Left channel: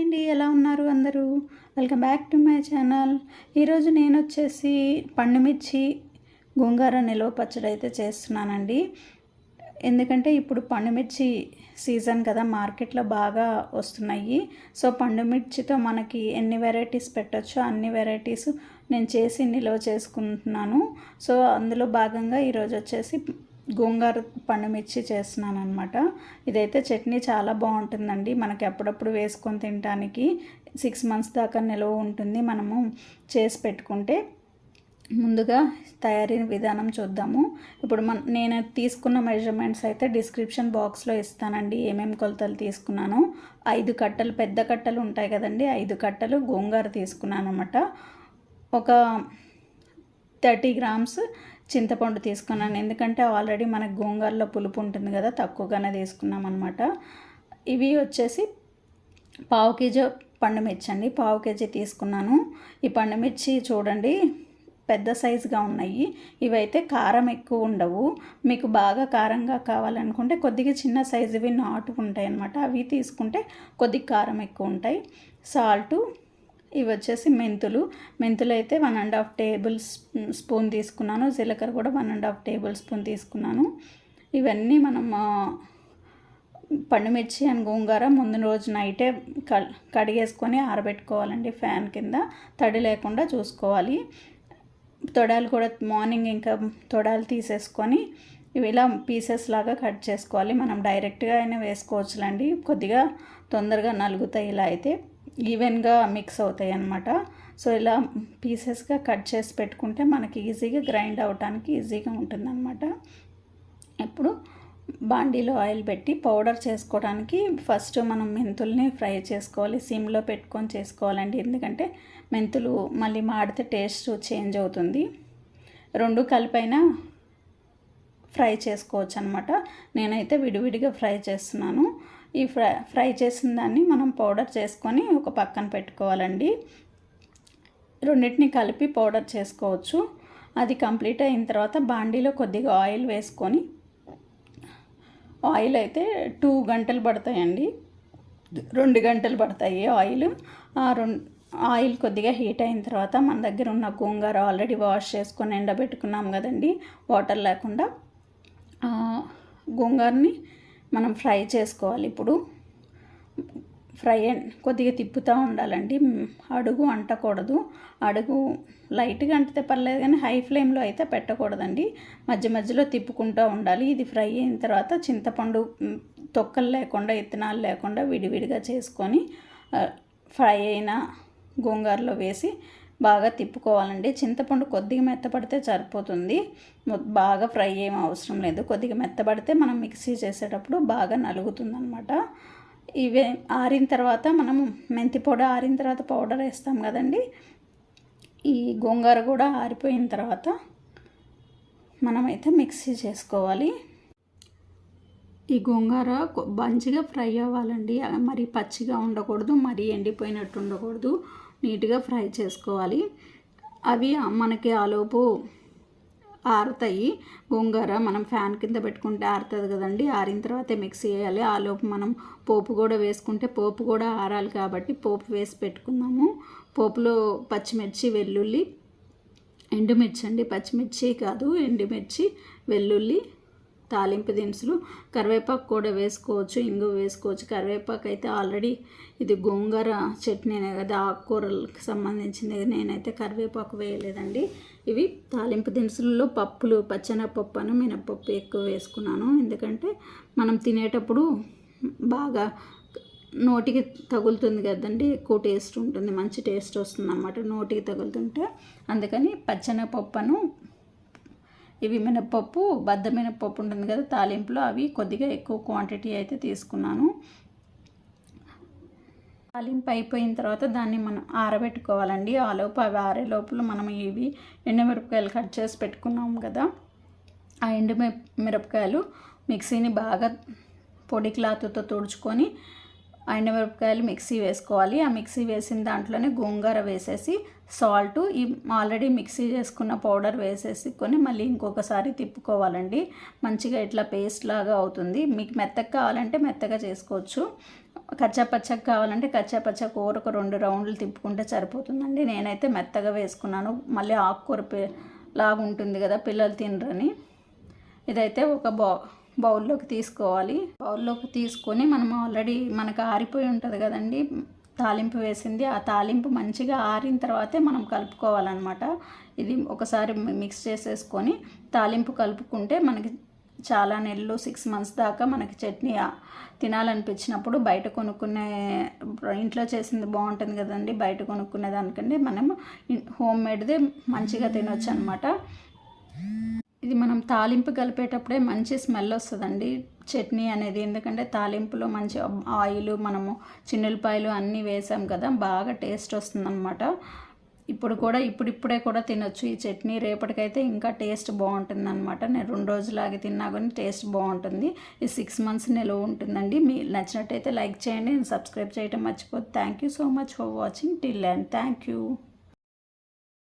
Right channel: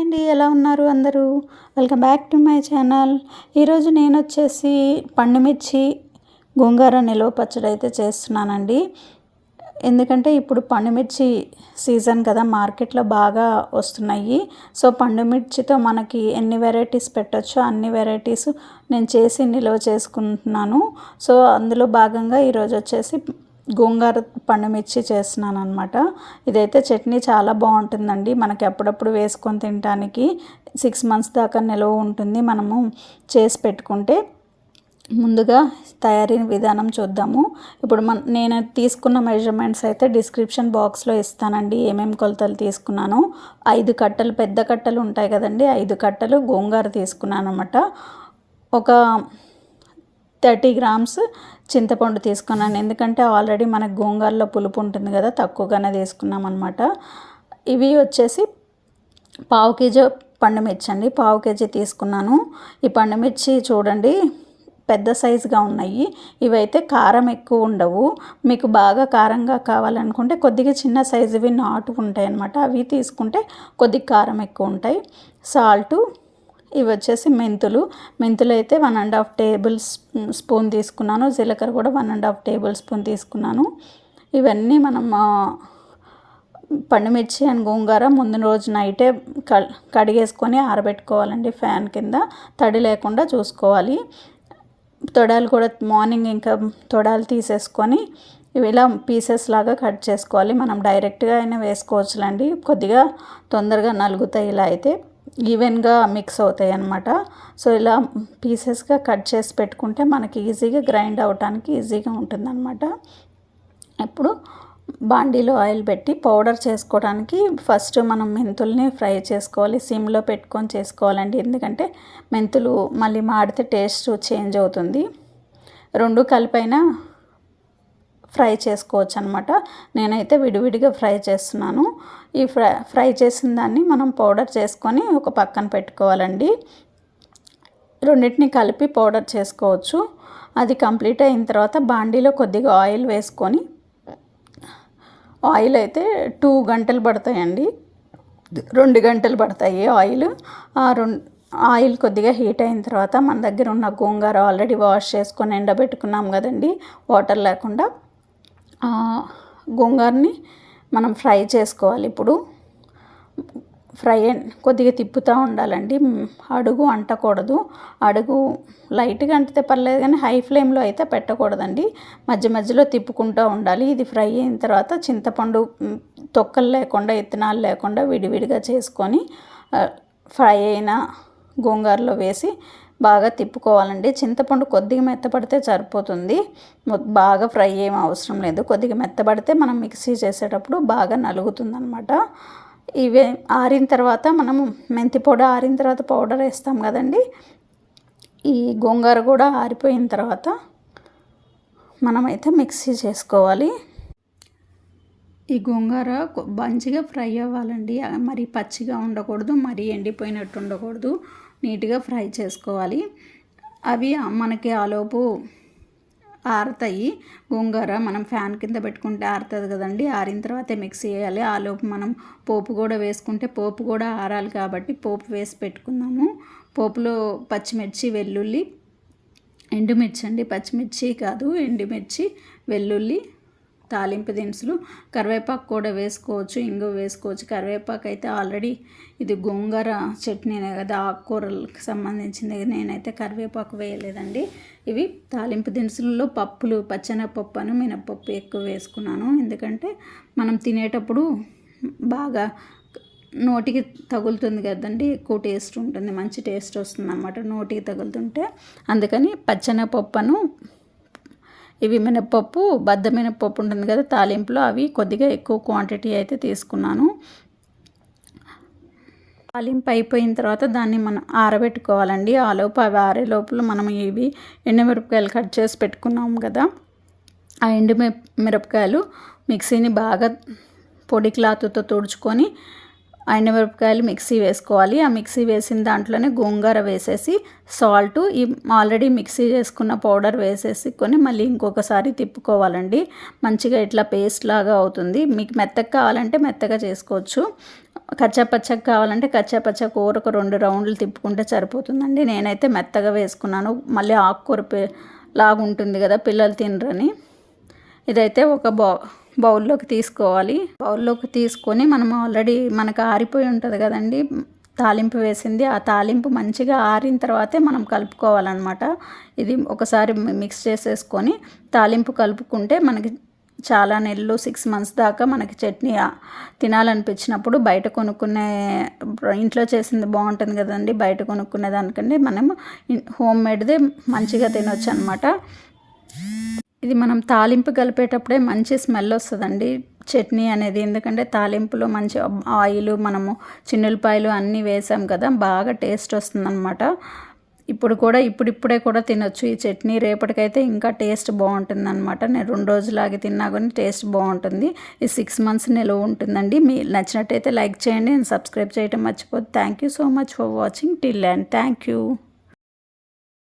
అండి, ఎలా ఉన్నారు అందరూ? Welcome back to my channel. ఈరోజు నేను వచ్చేసి పండుమిర్చి గోంగూర నిలువ పచ్చడి అయితే చేస్తున్నానండి. ఎందుకంటే ఇప్పుడు పండుమిర్చి సీజన్ కదా, మార్కెట్లో బాగా వస్తున్నాయి. సో పండుమిర్చితో మనకి ఎన్ని వెరైటీస్ పెట్టచ్చో అన్ని వెరైటీస్ నేను చేసి నిల్వ చేసుకుంటున్నాను. సో అందులో భాగంగా ఈరోజు వచ్చేసి గోంగూర పండుమిర్చి చేస్తున్నాను అనమాట. ఇదైతే చట్నీ చాలా బాగుంటుందండి. మనకి అప్పుడప్పుడు వేసుకొని తినడానికి 6 months దాకా నిల్వ ఉంటుంది మనము చేసి పెట్టుకుంటే. ముందుగా తయారీ విధానం చూద్దాము. ఇప్పుడు నేను తీసుకున్న మెజర్మెంట్స్ అయితే డిస్క్రిప్షన్ బాక్స్లో ఇస్తానండి. ఏమేమి కొలతలు తీసుకున్నాను. 5 కట్టలు, పెద్ద కట్టలు ఉంటాయి కదండి, 5 కట్టలు గోంగూర తీసుకున్నాను అనమాట. ఒక 30 grams చింతపండు తీసుకున్నాను. ఎందుకంటే ఆల్రెడీ మనకు గోంగూరలో పులుపు ఉంటుంది కదా, తక్కువగానే తీసుకున్నాం అనమాట. ఇవి వచ్చేసి 1/2 kg పండుమిర్చి అండి, 1/2 kg తీసుకున్నాను. ఈ పండుమిర్చి చూడండి పెద్ద సైజుగా ఉన్నాయి. ఇవైతే కారం ఎక్కువ ఉండవు. మీకు బాగా కారంగా కావాలనుకుంటే కొద్దిగా చిన్న సైజువి నాటు ఉంటాయి అన్నమాట, అవి తీసుకుంటే కొద్దిగా కారం ఎక్కువ ఉంటాయి. సాల్టు, ఇవి వచ్చేసి మెంతులు అయితే 1.5 tablespoon తీసుకున్నాను. జీలకర్ర కూడా 1.5 tablespoon తీసుకున్నాను. ఇవన్నీ మనం పండుమిర్చి అండ్ గోంగూర ముందు రోజు నైటే కడిగేసుకొని ఆరబెట్టుకోవాలండి. ఫ్యాన్ కింద తడి లేకుండా చూసుకోవాలి. తొడాలు కూడా మార్నింగ్ ఇంకా తొడాలు తీసేసుకొని ఇవి ఇలా పీసెస్ లాగా కట్ చేసుకోవాలి. మనం డైరెక్ట్గా అయినా వేసుకోవచ్చులండి, కొద్దిగా తొందరగా నలుగుతాయి. ఇలా అయితే ఈవెన్గా మిక్స్ అవుతాయి అన్నమాట. సో ఇలా పీసెస్గా కట్ చేసి పెట్టుకుంటే మనకి ఈజీగా గ్రైండ్ అవ్వడానికి ఈజీగా ఉంటుందన్నమాట. ఇప్పుడు బాండీలో ఆయిల్ పెట్టి పౌడర్ చేసుకోవడానికి ఫస్ట్ మనం మెంతుల్ని ఫ్రై చేసుకోవాలి. సిమ్లో పెట్టుకొని చేసుకోవాలండి, ఎందుకంటే మెంతులు మళ్ళీ మాడితే టేస్ట్ చేంజ్ అవుతుంది. 2 కలిపైనా ఫ్రై చేసుకోవచ్చు అనమాట. నేనైతే విడివిడిగా ఫ్రై చేస్తున్నాను. ఈ ఫ్రై చేసిన దాన్ని మనం పౌడర్ చేసుకొని ఒక పక్కన పెట్టుకోవాలండి. రెండింటిని కలిపి పౌడర్ చేసుకోవచ్చు. అది కంప్లీట్ అయిన తర్వాత బాండీలో కొద్దిగా ఆయిల్ వేసుకొని, ఆయిల్ అయితే 2 గంటలు పడతాయండి, 2 గంటలు పడతాయి ఆయిల్. ఆయిల్ కొద్దిగా హీట్ అయిన తర్వాత మన దగ్గర ఉన్న గోంగూర ఆల్రెడీ వాష్ చేసుకొని ఎండబెట్టుకున్నాం కదండి, వాటర్ లేకుండా. గోంగూరని మనం ఫ్రై చేసుకోవాలి. ఇప్పుడు కొద్దిగా తిప్పుతూ ఉండాలండి, అడుగు అంటకూడదు. అడుగు లైట్గా అంటితే పర్లేదు కానీ హై ఫ్లేమ్లో అయితే పెట్టకూడదండి. మధ్య మధ్యలో తిప్పుకుంటూ ఉండాలి. ఇది ఫ్రై అయిన తర్వాత చింతపండు తొక్కలు లేకుండా, ఇత్తనాలు లేకుండా విడివిడిగా చేసుకొని ఫ్రై అయిన గోంగూరలో వేసి బాగా తిప్పుకోవాలండి. చింతపండు కొద్దిగా మెత్తపడితే సరిపోతుంది, బాగా ఫ్రై ఏం అవసరం లేదు. కొద్దిగా మెత్తపడితే మనం మిక్సీ చేసేటప్పుడు బాగా నలుగుతుందనమాట. ఇవే ఆరిన తర్వాత మనము మెంతి పొడి ఆరిన తర్వాత పౌడర్ వేస్తాం కదండి. ఈ గోంగూర కూడా ఆరిపోయిన తర్వాత మనమైతే మిక్సీ చేసుకోవాలి. ఈ గోంగూర మంచిగా ఫ్రై అవ్వాలండి, మరి పచ్చిగా ఉండకూడదు, మరి ఎండిపోయినట్టు ఉండకూడదు. నీట్గా ఫ్రై చేసుకోవాలి. అవి మనకి ఆలోపు ఆరుతాయి. గోంగూర మనం ఫ్యాన్ కింద పెట్టుకుంటే ఆరుతుంది కదండి, ఆరిన తర్వాతే మిక్సీ వేయాలి. ఆలోపు మనం పోపు కూడా వేసుకుంటే పోపు కూడా ఆరాలి కాబట్టి పోపు వేసి పెట్టుకుందాము. పోపులో పచ్చిమిర్చి, వెల్లుల్లి, ఎండుమిర్చి అండి, పచ్చిమిర్చి కాదు ఎండుమిర్చి, వెల్లుల్లి, తాలింపు దినుసులు, కరివేపాకు కూడా వేసుకోవచ్చు, ఇంగు వేసుకోవచ్చు. కరివేపాకు అయితే ఆల్రెడీ ఇది గోంగూర చట్నీనే కదా, ఆకుకూరలకు సంబంధించింది, నేనైతే కరివేపాకు వేయలేదండి. ఇవి తాలింపు దినుసులలో పప్పులు, పచ్చెనగపప్పు అని మినపప్పు ఎక్కువ వేసుకున్నాను. ఎందుకంటే మనం తినేటప్పుడు బాగా నోటికి తగులుతుంది కదండి, ఎక్కువ టేస్ట్ ఉంటుంది, మంచి టేస్ట్ వస్తుంది అన్నమాట నోటికి తగులుతుంటే. అందుకని పచ్చెనగపప్పును, ఇవి మినపప్పు, బద్ద మినపప్పు ఉంటుంది కదా తాలింపులో, అవి కొద్దిగా ఎక్కువ క్వాంటిటీ అయితే తీసుకున్నాను. తాలింపు అయిపోయిన తర్వాత దాన్ని మనం ఆరబెట్టుకోవాలండి. ఆలోపు అవి ఆరే లోపల మనం ఇవి ఎండుమిరపకాయలు కట్ చేసి పెట్టుకున్నాం కదా, ఆ మిరపకాయలు మిక్సీని బాగా పొడి క్లాత్తో తుడుచుకొని ఎండుమిరపకాయలు మిక్సీ వేసుకోవాలి. ఆ మిక్సీ వేసిన దాంట్లోనే గోంగూర వేసేసి సాల్టు, ఈ ఆల్రెడీ మిక్సీ చేసుకున్న పౌడర్ వేసేసుకొని మళ్ళీ ఇంకొకసారి తిప్పుకోవాలండి. మంచిగా ఇట్లా పేస్ట్ లాగా అవుతుంది. మీకు మెత్తగా కావాలంటే మెత్తగా చేసుకోవచ్చు. కచ్చాపచ్చగా కావాలంటే కచ్చాపచ్చ కూరకు 2 రౌండ్లు తిప్పుకుంటే సరిపోతుందండి. నేనైతే మెత్తగా వేసుకున్నాను, మళ్ళీ ఆకుకూర లాగా ఉంటుంది కదా, పిల్లలు తినరని. ఇదైతే ఒక బౌల్లోకి తీసుకోవాలి. బౌల్లోకి తీసుకొని మనం ఆల్రెడీ మనకు ఆరిపోయి ఉంటుంది కదండి తాలింపు వేసింది, ఆ తాలింపు మంచిగా ఆరిన తర్వాతే మనం కలుపుకోవాలన్నమాట. ఇది ఒకసారి మిక్స్ చేసేసుకొని తాలింపు కలుపుకుంటే మనకి చాలా నెలలు 6 months దాకా మనకి చట్నీ తినాలనిపించినప్పుడు, బయట కొనుక్కునే ఇంట్లో చేసింది బాగుంటుంది కదండి, బయట కొనుక్కునే దానికంటే మనం హోమ్ మేడ్దే మంచిగా తినొచ్చు అనమాట. ఇది మనం తాలింపు కలిపేటప్పుడే మంచి స్మెల్ వస్తుందండి చట్నీ అనేది, ఎందుకంటే తాలింపులో మంచి ఆయిల్ మనము చిన్నులపాయలు అన్నీ వేసాం కదా, బాగా టేస్ట్ వస్తుందన్నమాట. ఇప్పుడిప్పుడే కూడా తినొచ్చు ఈ చట్నీ, రేపటికైతే ఇంకా టేస్ట్ బాగుంటుంది అనమాట. నేను 2 రోజులాగి తిన్నా కానీ టేస్ట్ బాగుంటుంది. ఈ 6 months నిలువ ఉంటుందండి. మీకు నచ్చినట్టయితే లైక్ చేయండి అండ్ సబ్స్క్రైబ్ చేయడం మర్చిపోద్దు. Thank you so much for watching till and thank you.